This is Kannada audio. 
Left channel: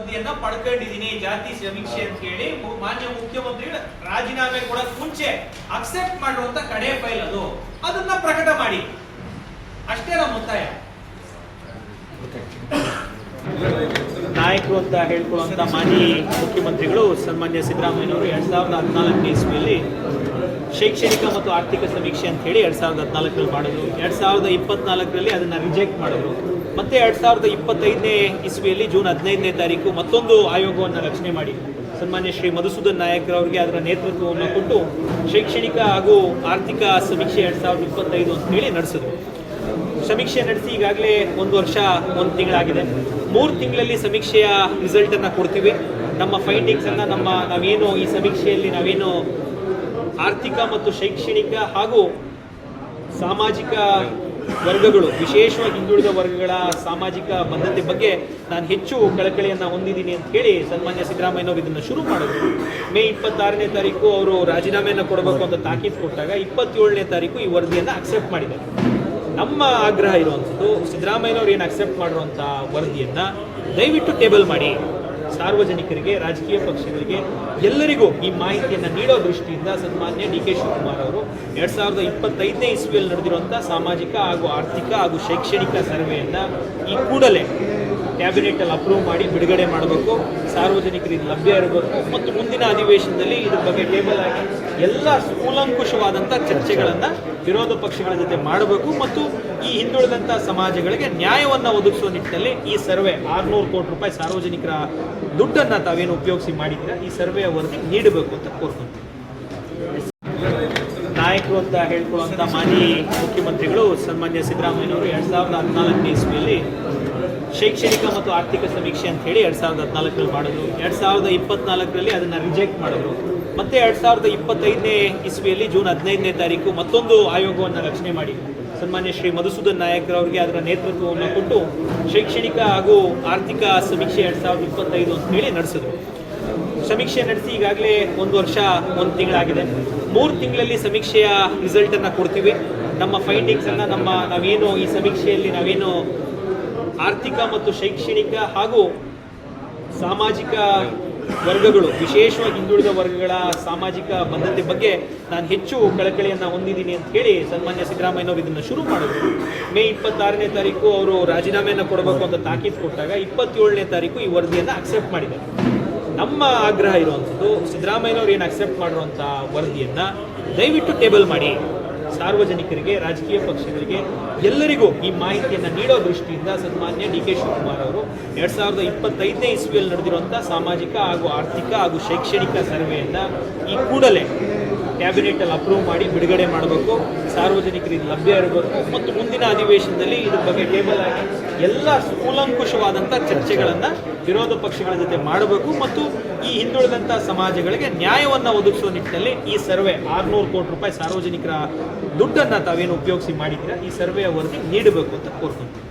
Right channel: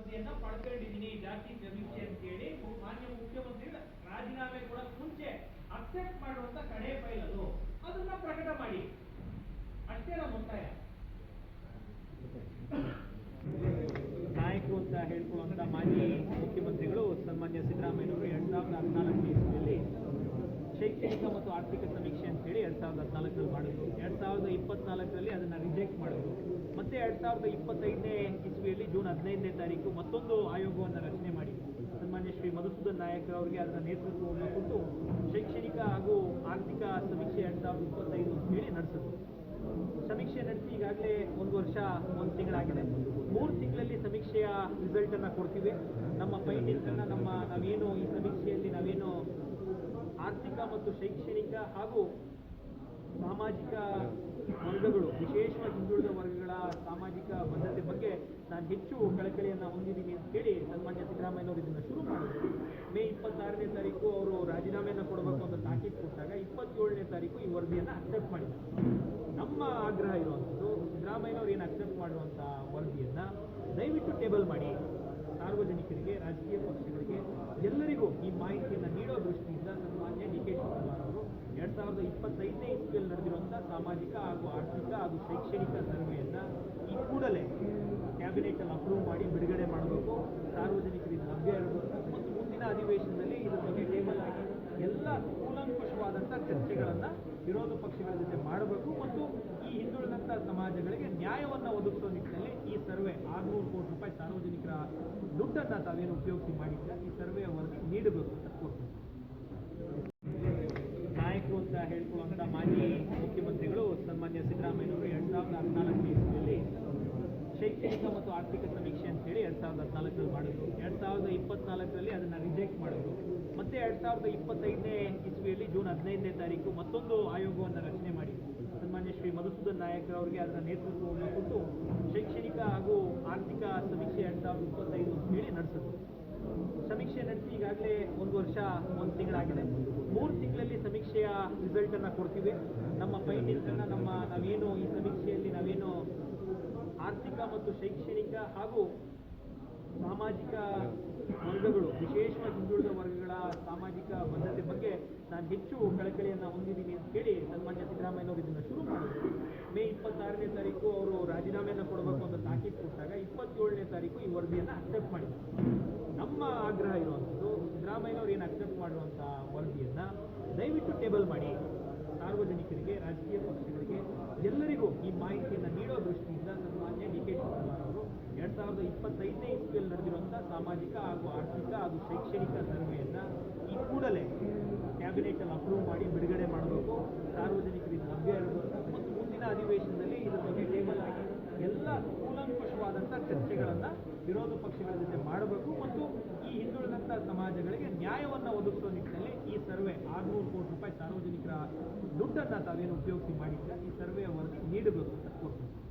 ವರದಿಯನ್ನ ಪಡ್ಕೊಂಡಿದ್ದೀನಿ ಜಾತಿ ಸಮೀಕ್ಷೆ ಅಂತ ಹೇಳಿ ಮಾನ್ಯ ಮುಖ್ಯಮಂತ್ರಿಗಳು ರಾಜೀನಾಮೆ ಕೊಡಕ್ ಮುಂಚೆ ಅಕ್ಸೆಪ್ಟ್ ಮಾಡುವಂತ ಕಡೆ ಫೈಲ್ ಅದು, ಅದನ್ನ ಪ್ರಕಟ ಮಾಡಿ ಅಷ್ಟೇ ನಮ್ಮ ಒತ್ತಾಯ. ನಾಯಕರು ಅಂತ ಹೇಳ್ಕೊಳ್ಳುವಂತ ಮಾನ್ಯ ಮುಖ್ಯಮಂತ್ರಿಗಳು ಸನ್ಮಾನ್ಯ ಸಿದ್ದರಾಮಯ್ಯನವರು 2014ನೇ ಇಸ್ವಿಯಲ್ಲಿ ಶೈಕ್ಷಣಿಕ ಮತ್ತು ಆರ್ಥಿಕ ಸಮೀಕ್ಷೆ ಅಂತ ಹೇಳಿ 2014ರಲ್ಲಿ ಮಾಡಿದ್ರು. 2024ರಲ್ಲಿ ಅದನ್ನ ರಿಜೆಕ್ಟ್ ಮಾಡಿದ್ರು. ಮತ್ತೆ 2025ನೇ ಇಸ್ವಿಯಲ್ಲಿ ಜೂನ್ 15ನೇ ತಾರೀಕು ಮತ್ತೊಂದು ಆಯೋಗವನ್ನು ರಚನೆ ಮಾಡಿ ಸನ್ಮಾನ್ಯ ಶ್ರೀ ಮಧುಸೂದನ್ ನಾಯಕರವರಿಗೆ ಅದರ ನೇತೃತ್ವವನ್ನು ಕೊಟ್ಟು ಶೈಕ್ಷಣಿಕ ಹಾಗೂ ಆರ್ಥಿಕ ಸಮೀಕ್ಷೆ 2025 ಅಂತ ಹೇಳಿ ನಡೆಸಿದ್ರು. ಸಮೀಕ್ಷೆ ನಡೆಸಿ ಈಗಾಗಲೇ 1 ವರ್ಷ 1 ತಿಂಗಳಾಗಿದೆ. 3 ತಿಂಗಳಲ್ಲಿ ಸಮೀಕ್ಷೆಯ ರಿಸಲ್ಟ್ ಅನ್ನ ಕೊಡ್ತೀವಿ. ನಮ್ಮ ಫೈಂಡಿಂಗ್ಸ್ ಅನ್ನ ನಾವೇನು ಈ ಸಮೀಕ್ಷೆಯಲ್ಲಿ ನಾವೇನು ಆರ್ಥಿಕ ಮತ್ತು ಶೈಕ್ಷಣಿಕ ಹಾಗೂ ಸಾಮಾಜಿಕ ವರ್ಗಗಳು, ವಿಶೇಷವಾಗಿ ಹಿಂದುಳಿದ ವರ್ಗಗಳ ಸಾಮಾಜಿಕ ಬದ್ಧತೆ ಬಗ್ಗೆ ನಾನು ಹೆಚ್ಚು ಕಳಕಳಿಯನ್ನು ಹೊಂದಿದ್ದೀನಿ ಅಂತ ಹೇಳಿ ಸನ್ಮಾನ್ಯ ಸಿದ್ದರಾಮಯ್ಯನವರು ಇದನ್ನು ಶುರು ಮಾಡಿದ್ರು. ಮೇ 26ನೇ ತಾರೀಕು ಅವರು ರಾಜೀನಾಮೆಯನ್ನು ಕೊಡಬೇಕು ಅಂತ ತಾಕೀತು ಕೊಟ್ಟಾಗ 27ನೇ ತಾರೀಕು ಈ ವರದಿಯನ್ನು ಅಕ್ಸೆಪ್ಟ್ ಮಾಡಿದ್ದಾರೆ. ನಮ್ಮ ಆಗ್ರಹ ಇರುವಂಥದ್ದು, ಸಿದ್ದರಾಮಯ್ಯನವರು ಏನು ಅಕ್ಸೆಪ್ಟ್ ಮಾಡಿರುವಂಥ ವರದಿಯನ್ನು ದಯವಿಟ್ಟು ಟೇಬಲ್ ಮಾಡಿ, ಸಾರ್ವಜನಿಕರಿಗೆ, ರಾಜಕೀಯ ಪಕ್ಷಗಳಿಗೆ, ಎಲ್ಲರಿಗೂ ಈ ಮಾಹಿತಿಯನ್ನು ನೀಡೋ ದೃಷ್ಟಿಯಿಂದ ಸನ್ಮಾನ್ಯ ಡಿ ಕೆ ಶಿವಕುಮಾರ್ ಅವರು 2025ನೇ ಇಸ್ವಿಯಲ್ಲಿ ನಡೆದಿರುವಂಥ ಸಾಮಾಜಿಕ ಹಾಗೂ ಆರ್ಥಿಕ ಹಾಗೂ ಶೈಕ್ಷಣಿಕ ಸರ್ವೆಯನ್ನು ಈ ಕೂಡಲೇ ಕ್ಯಾಬಿನೆಟಲ್ಲಿ ಅಪ್ರೂವ್ ಮಾಡಿ ಬಿಡುಗಡೆ ಮಾಡಬೇಕು, ಸಾರ್ವಜನಿಕರಿಗೆ ಲಭ್ಯ ಇರಬೇಕು ಮತ್ತು ಮುಂದಿನ ಅಧಿವೇಶನದಲ್ಲಿ ಇದ್ರ ಬಗ್ಗೆ ಟೇಬಲ್ ಆಗಿ ಎಲ್ಲ ಕೂಲಂಕುಷವಾದಂಥ ಚರ್ಚೆಗಳನ್ನು ವಿರೋಧ ಪಕ್ಷಗಳ ಜೊತೆ ಮಾಡಬೇಕು ಮತ್ತು ಈ ಹಿಂದುಳಿದಂಥ ಸಮಾಜಗಳಿಗೆ ನ್ಯಾಯವನ್ನು ಒದಗಿಸುವ ನಿಟ್ಟಿನಲ್ಲಿ ಈ ಸರ್ವೆ 600 ಕೋಟಿ ರೂಪಾಯಿ ಸಾರ್ವಜನಿಕರ ದುಡ್ಡನ್ನು ತಾವೇನು ಉಪಯೋಗಿಸಿ ಮಾಡಿದ್ದೀರಾ ಈ ಸರ್ವೆಯ ವರದಿ ನೀಡಬೇಕು ಅಂತ ಕೋರ್ಕೊಂತೀವಿ. ನಾಯಕರು ಅಂತ ಹೇಳ್ಕೊಳ್ಳುವಂಥ ಮಾನ್ಯ ಮುಖ್ಯಮಂತ್ರಿಗಳು ಸನ್ಮಾನ್ಯ ಸಿದ್ದರಾಮಯ್ಯನವರು 2014ನೇ ಇಸ್ವಿಯಲ್ಲಿ ಶೈಕ್ಷಣಿಕ ಮತ್ತು ಆರ್ಥಿಕ ಸಮೀಕ್ಷೆ ಅಂತ ಹೇಳಿ 2014ರಲ್ಲಿ ಮಾಡಿದ್ರು. 2024ರಲ್ಲಿ ಅದನ್ನು ರಿಜೆಕ್ಟ್ ಮಾಡಿದ್ರು. ಮತ್ತೆ 2025ನೇ ಇಸ್ವಿಯಲ್ಲಿ ಜೂನ್ 15ನೇ ತಾರೀಕು ಮತ್ತೊಂದು ಆಯೋಗವನ್ನು ರಚನೆ ಮಾಡಿ ಸನ್ಮಾನ್ಯ ಶ್ರೀ ಮಧುಸೂದನ್ ನಾಯಕರವರಿಗೆ ಅದರ ನೇತೃತ್ವವನ್ನು ಕೊಟ್ಟು ಶೈಕ್ಷಣಿಕ ಹಾಗೂ ಆರ್ಥಿಕ ಸಮೀಕ್ಷೆ 2025 ಅಂತ ಹೇಳಿ ನಡೆಸಿದ್ರು. ಸಮೀಕ್ಷೆ ನಡೆಸಿ ಈಗಾಗಲೇ 1 ವರ್ಷ 1 ತಿಂಗಳಾಗಿದೆ. 3 ತಿಂಗಳಲ್ಲಿ ಸಮೀಕ್ಷೆಯ ರಿಸಲ್ಟ್ ಅನ್ನ ಕೊಡ್ತೀವಿ. ನಮ್ಮ ಫೈಂಡಿಂಗ್ಸ್ ಅನ್ನ ನಾವೇನು ಈ ಸಮೀಕ್ಷೆಯಲ್ಲಿ ನಾವೇನು ಆರ್ಥಿಕ ಮತ್ತು ಶೈಕ್ಷಣಿಕ ಹಾಗೂ ಸಾಮಾಜಿಕ ವರ್ಗಗಳು, ವಿಶೇಷವಾಗಿ ಹಿಂದುಳಿದ ವರ್ಗಗಳ ಸಾಮಾಜಿಕ ಬದ್ಧತೆ ಬಗ್ಗೆ ನಾನು ಹೆಚ್ಚು ಕಳಕಳಿಯನ್ನು ಹೊಂದಿದ್ದೀನಿ ಅಂತ ಹೇಳಿ ಸನ್ಮಾನ್ಯ ಸಿದ್ದರಾಮಯ್ಯನವರು ಇದನ್ನು ಶುರು ಮಾಡಿದ್ರು. ಮೇ 26ನೇ ತಾರೀಕು ಅವರು ರಾಜೀನಾಮೆಯನ್ನು ಕೊಡಬೇಕು ಅಂತ ತಾಕೀತು ಕೊಟ್ಟಾಗ 27ನೇ ತಾರೀಕು ಈ ವರದಿಯನ್ನು ಅಕ್ಸೆಪ್ಟ್ ಮಾಡಿದ್ದಾರೆ. ನಮ್ಮ ಆಗ್ರಹ ಇರುವಂಥದ್ದು, ಸಿದ್ದರಾಮಯ್ಯನವರು ಏನು ಅಕ್ಸೆಪ್ಟ್ ಮಾಡಿರುವಂಥ ವರದಿಯನ್ನು ದಯವಿಟ್ಟು ಟೇಬಲ್ ಮಾಡಿ, ಸಾರ್ವಜನಿಕರಿಗೆ, ರಾಜಕೀಯ ಪಕ್ಷಗಳಿಗೆ, ಎಲ್ಲರಿಗೂ ಈ ಮಾಹಿತಿಯನ್ನು ನೀಡೋ ದೃಷ್ಟಿಯಿಂದ ಸನ್ಮಾನ್ಯ ಡಿ ಕೆ ಶಿವಕುಮಾರ್ ಅವರು 2025ನೇ ಇಸ್ವಿಯಲ್ಲಿ ನಡೆದಿರುವಂಥ ಸಾಮಾಜಿಕ ಹಾಗೂ ಆರ್ಥಿಕ ಹಾಗೂ ಶೈಕ್ಷಣಿಕ ಸರ್ವೆಯನ್ನು ಈ ಕೂಡಲೇ ಕ್ಯಾಬಿನೆಟಲ್ಲಿ ಅಪ್ರೂವ್ ಮಾಡಿ ಬಿಡುಗಡೆ ಮಾಡಬೇಕು, ಸಾರ್ವಜನಿಕರಿಗೆ ಲಭ್ಯ ಇರಬೇಕು ಮತ್ತು ಮುಂದಿನ ಅಧಿವೇಶನದಲ್ಲಿ ಇದ್ರ ಬಗ್ಗೆ ಟೇಬಲ್ ಆಗಿ ಎಲ್ಲ ಕೂಲಂಕುಷವಾದಂಥ ಚರ್ಚೆಗಳನ್ನು ವಿರೋಧ ಪಕ್ಷಗಳ ಜೊತೆ ಮಾಡಬೇಕು ಮತ್ತು ಈ ಹಿಂದುಳಿದಂಥ ಸಮಾಜಗಳಿಗೆ ನ್ಯಾಯವನ್ನು ಒದಗಿಸುವ ನಿಟ್ಟಿನಲ್ಲಿ ಈ ಸರ್ವೆ 600 ಕೋಟಿ ರೂಪಾಯಿ ಸಾರ್ವಜನಿಕರ ದುಡ್ಡನ್ನು ತಾವೇನು ಉಪಯೋಗಿಸಿ ಮಾಡಿದ್ದೀರಾ ಈ ಸರ್ವೆಯ ವರದಿ ನೀಡಬೇಕು ಅಂತ ಕೋರ್ಕೊಂತೀವಿ.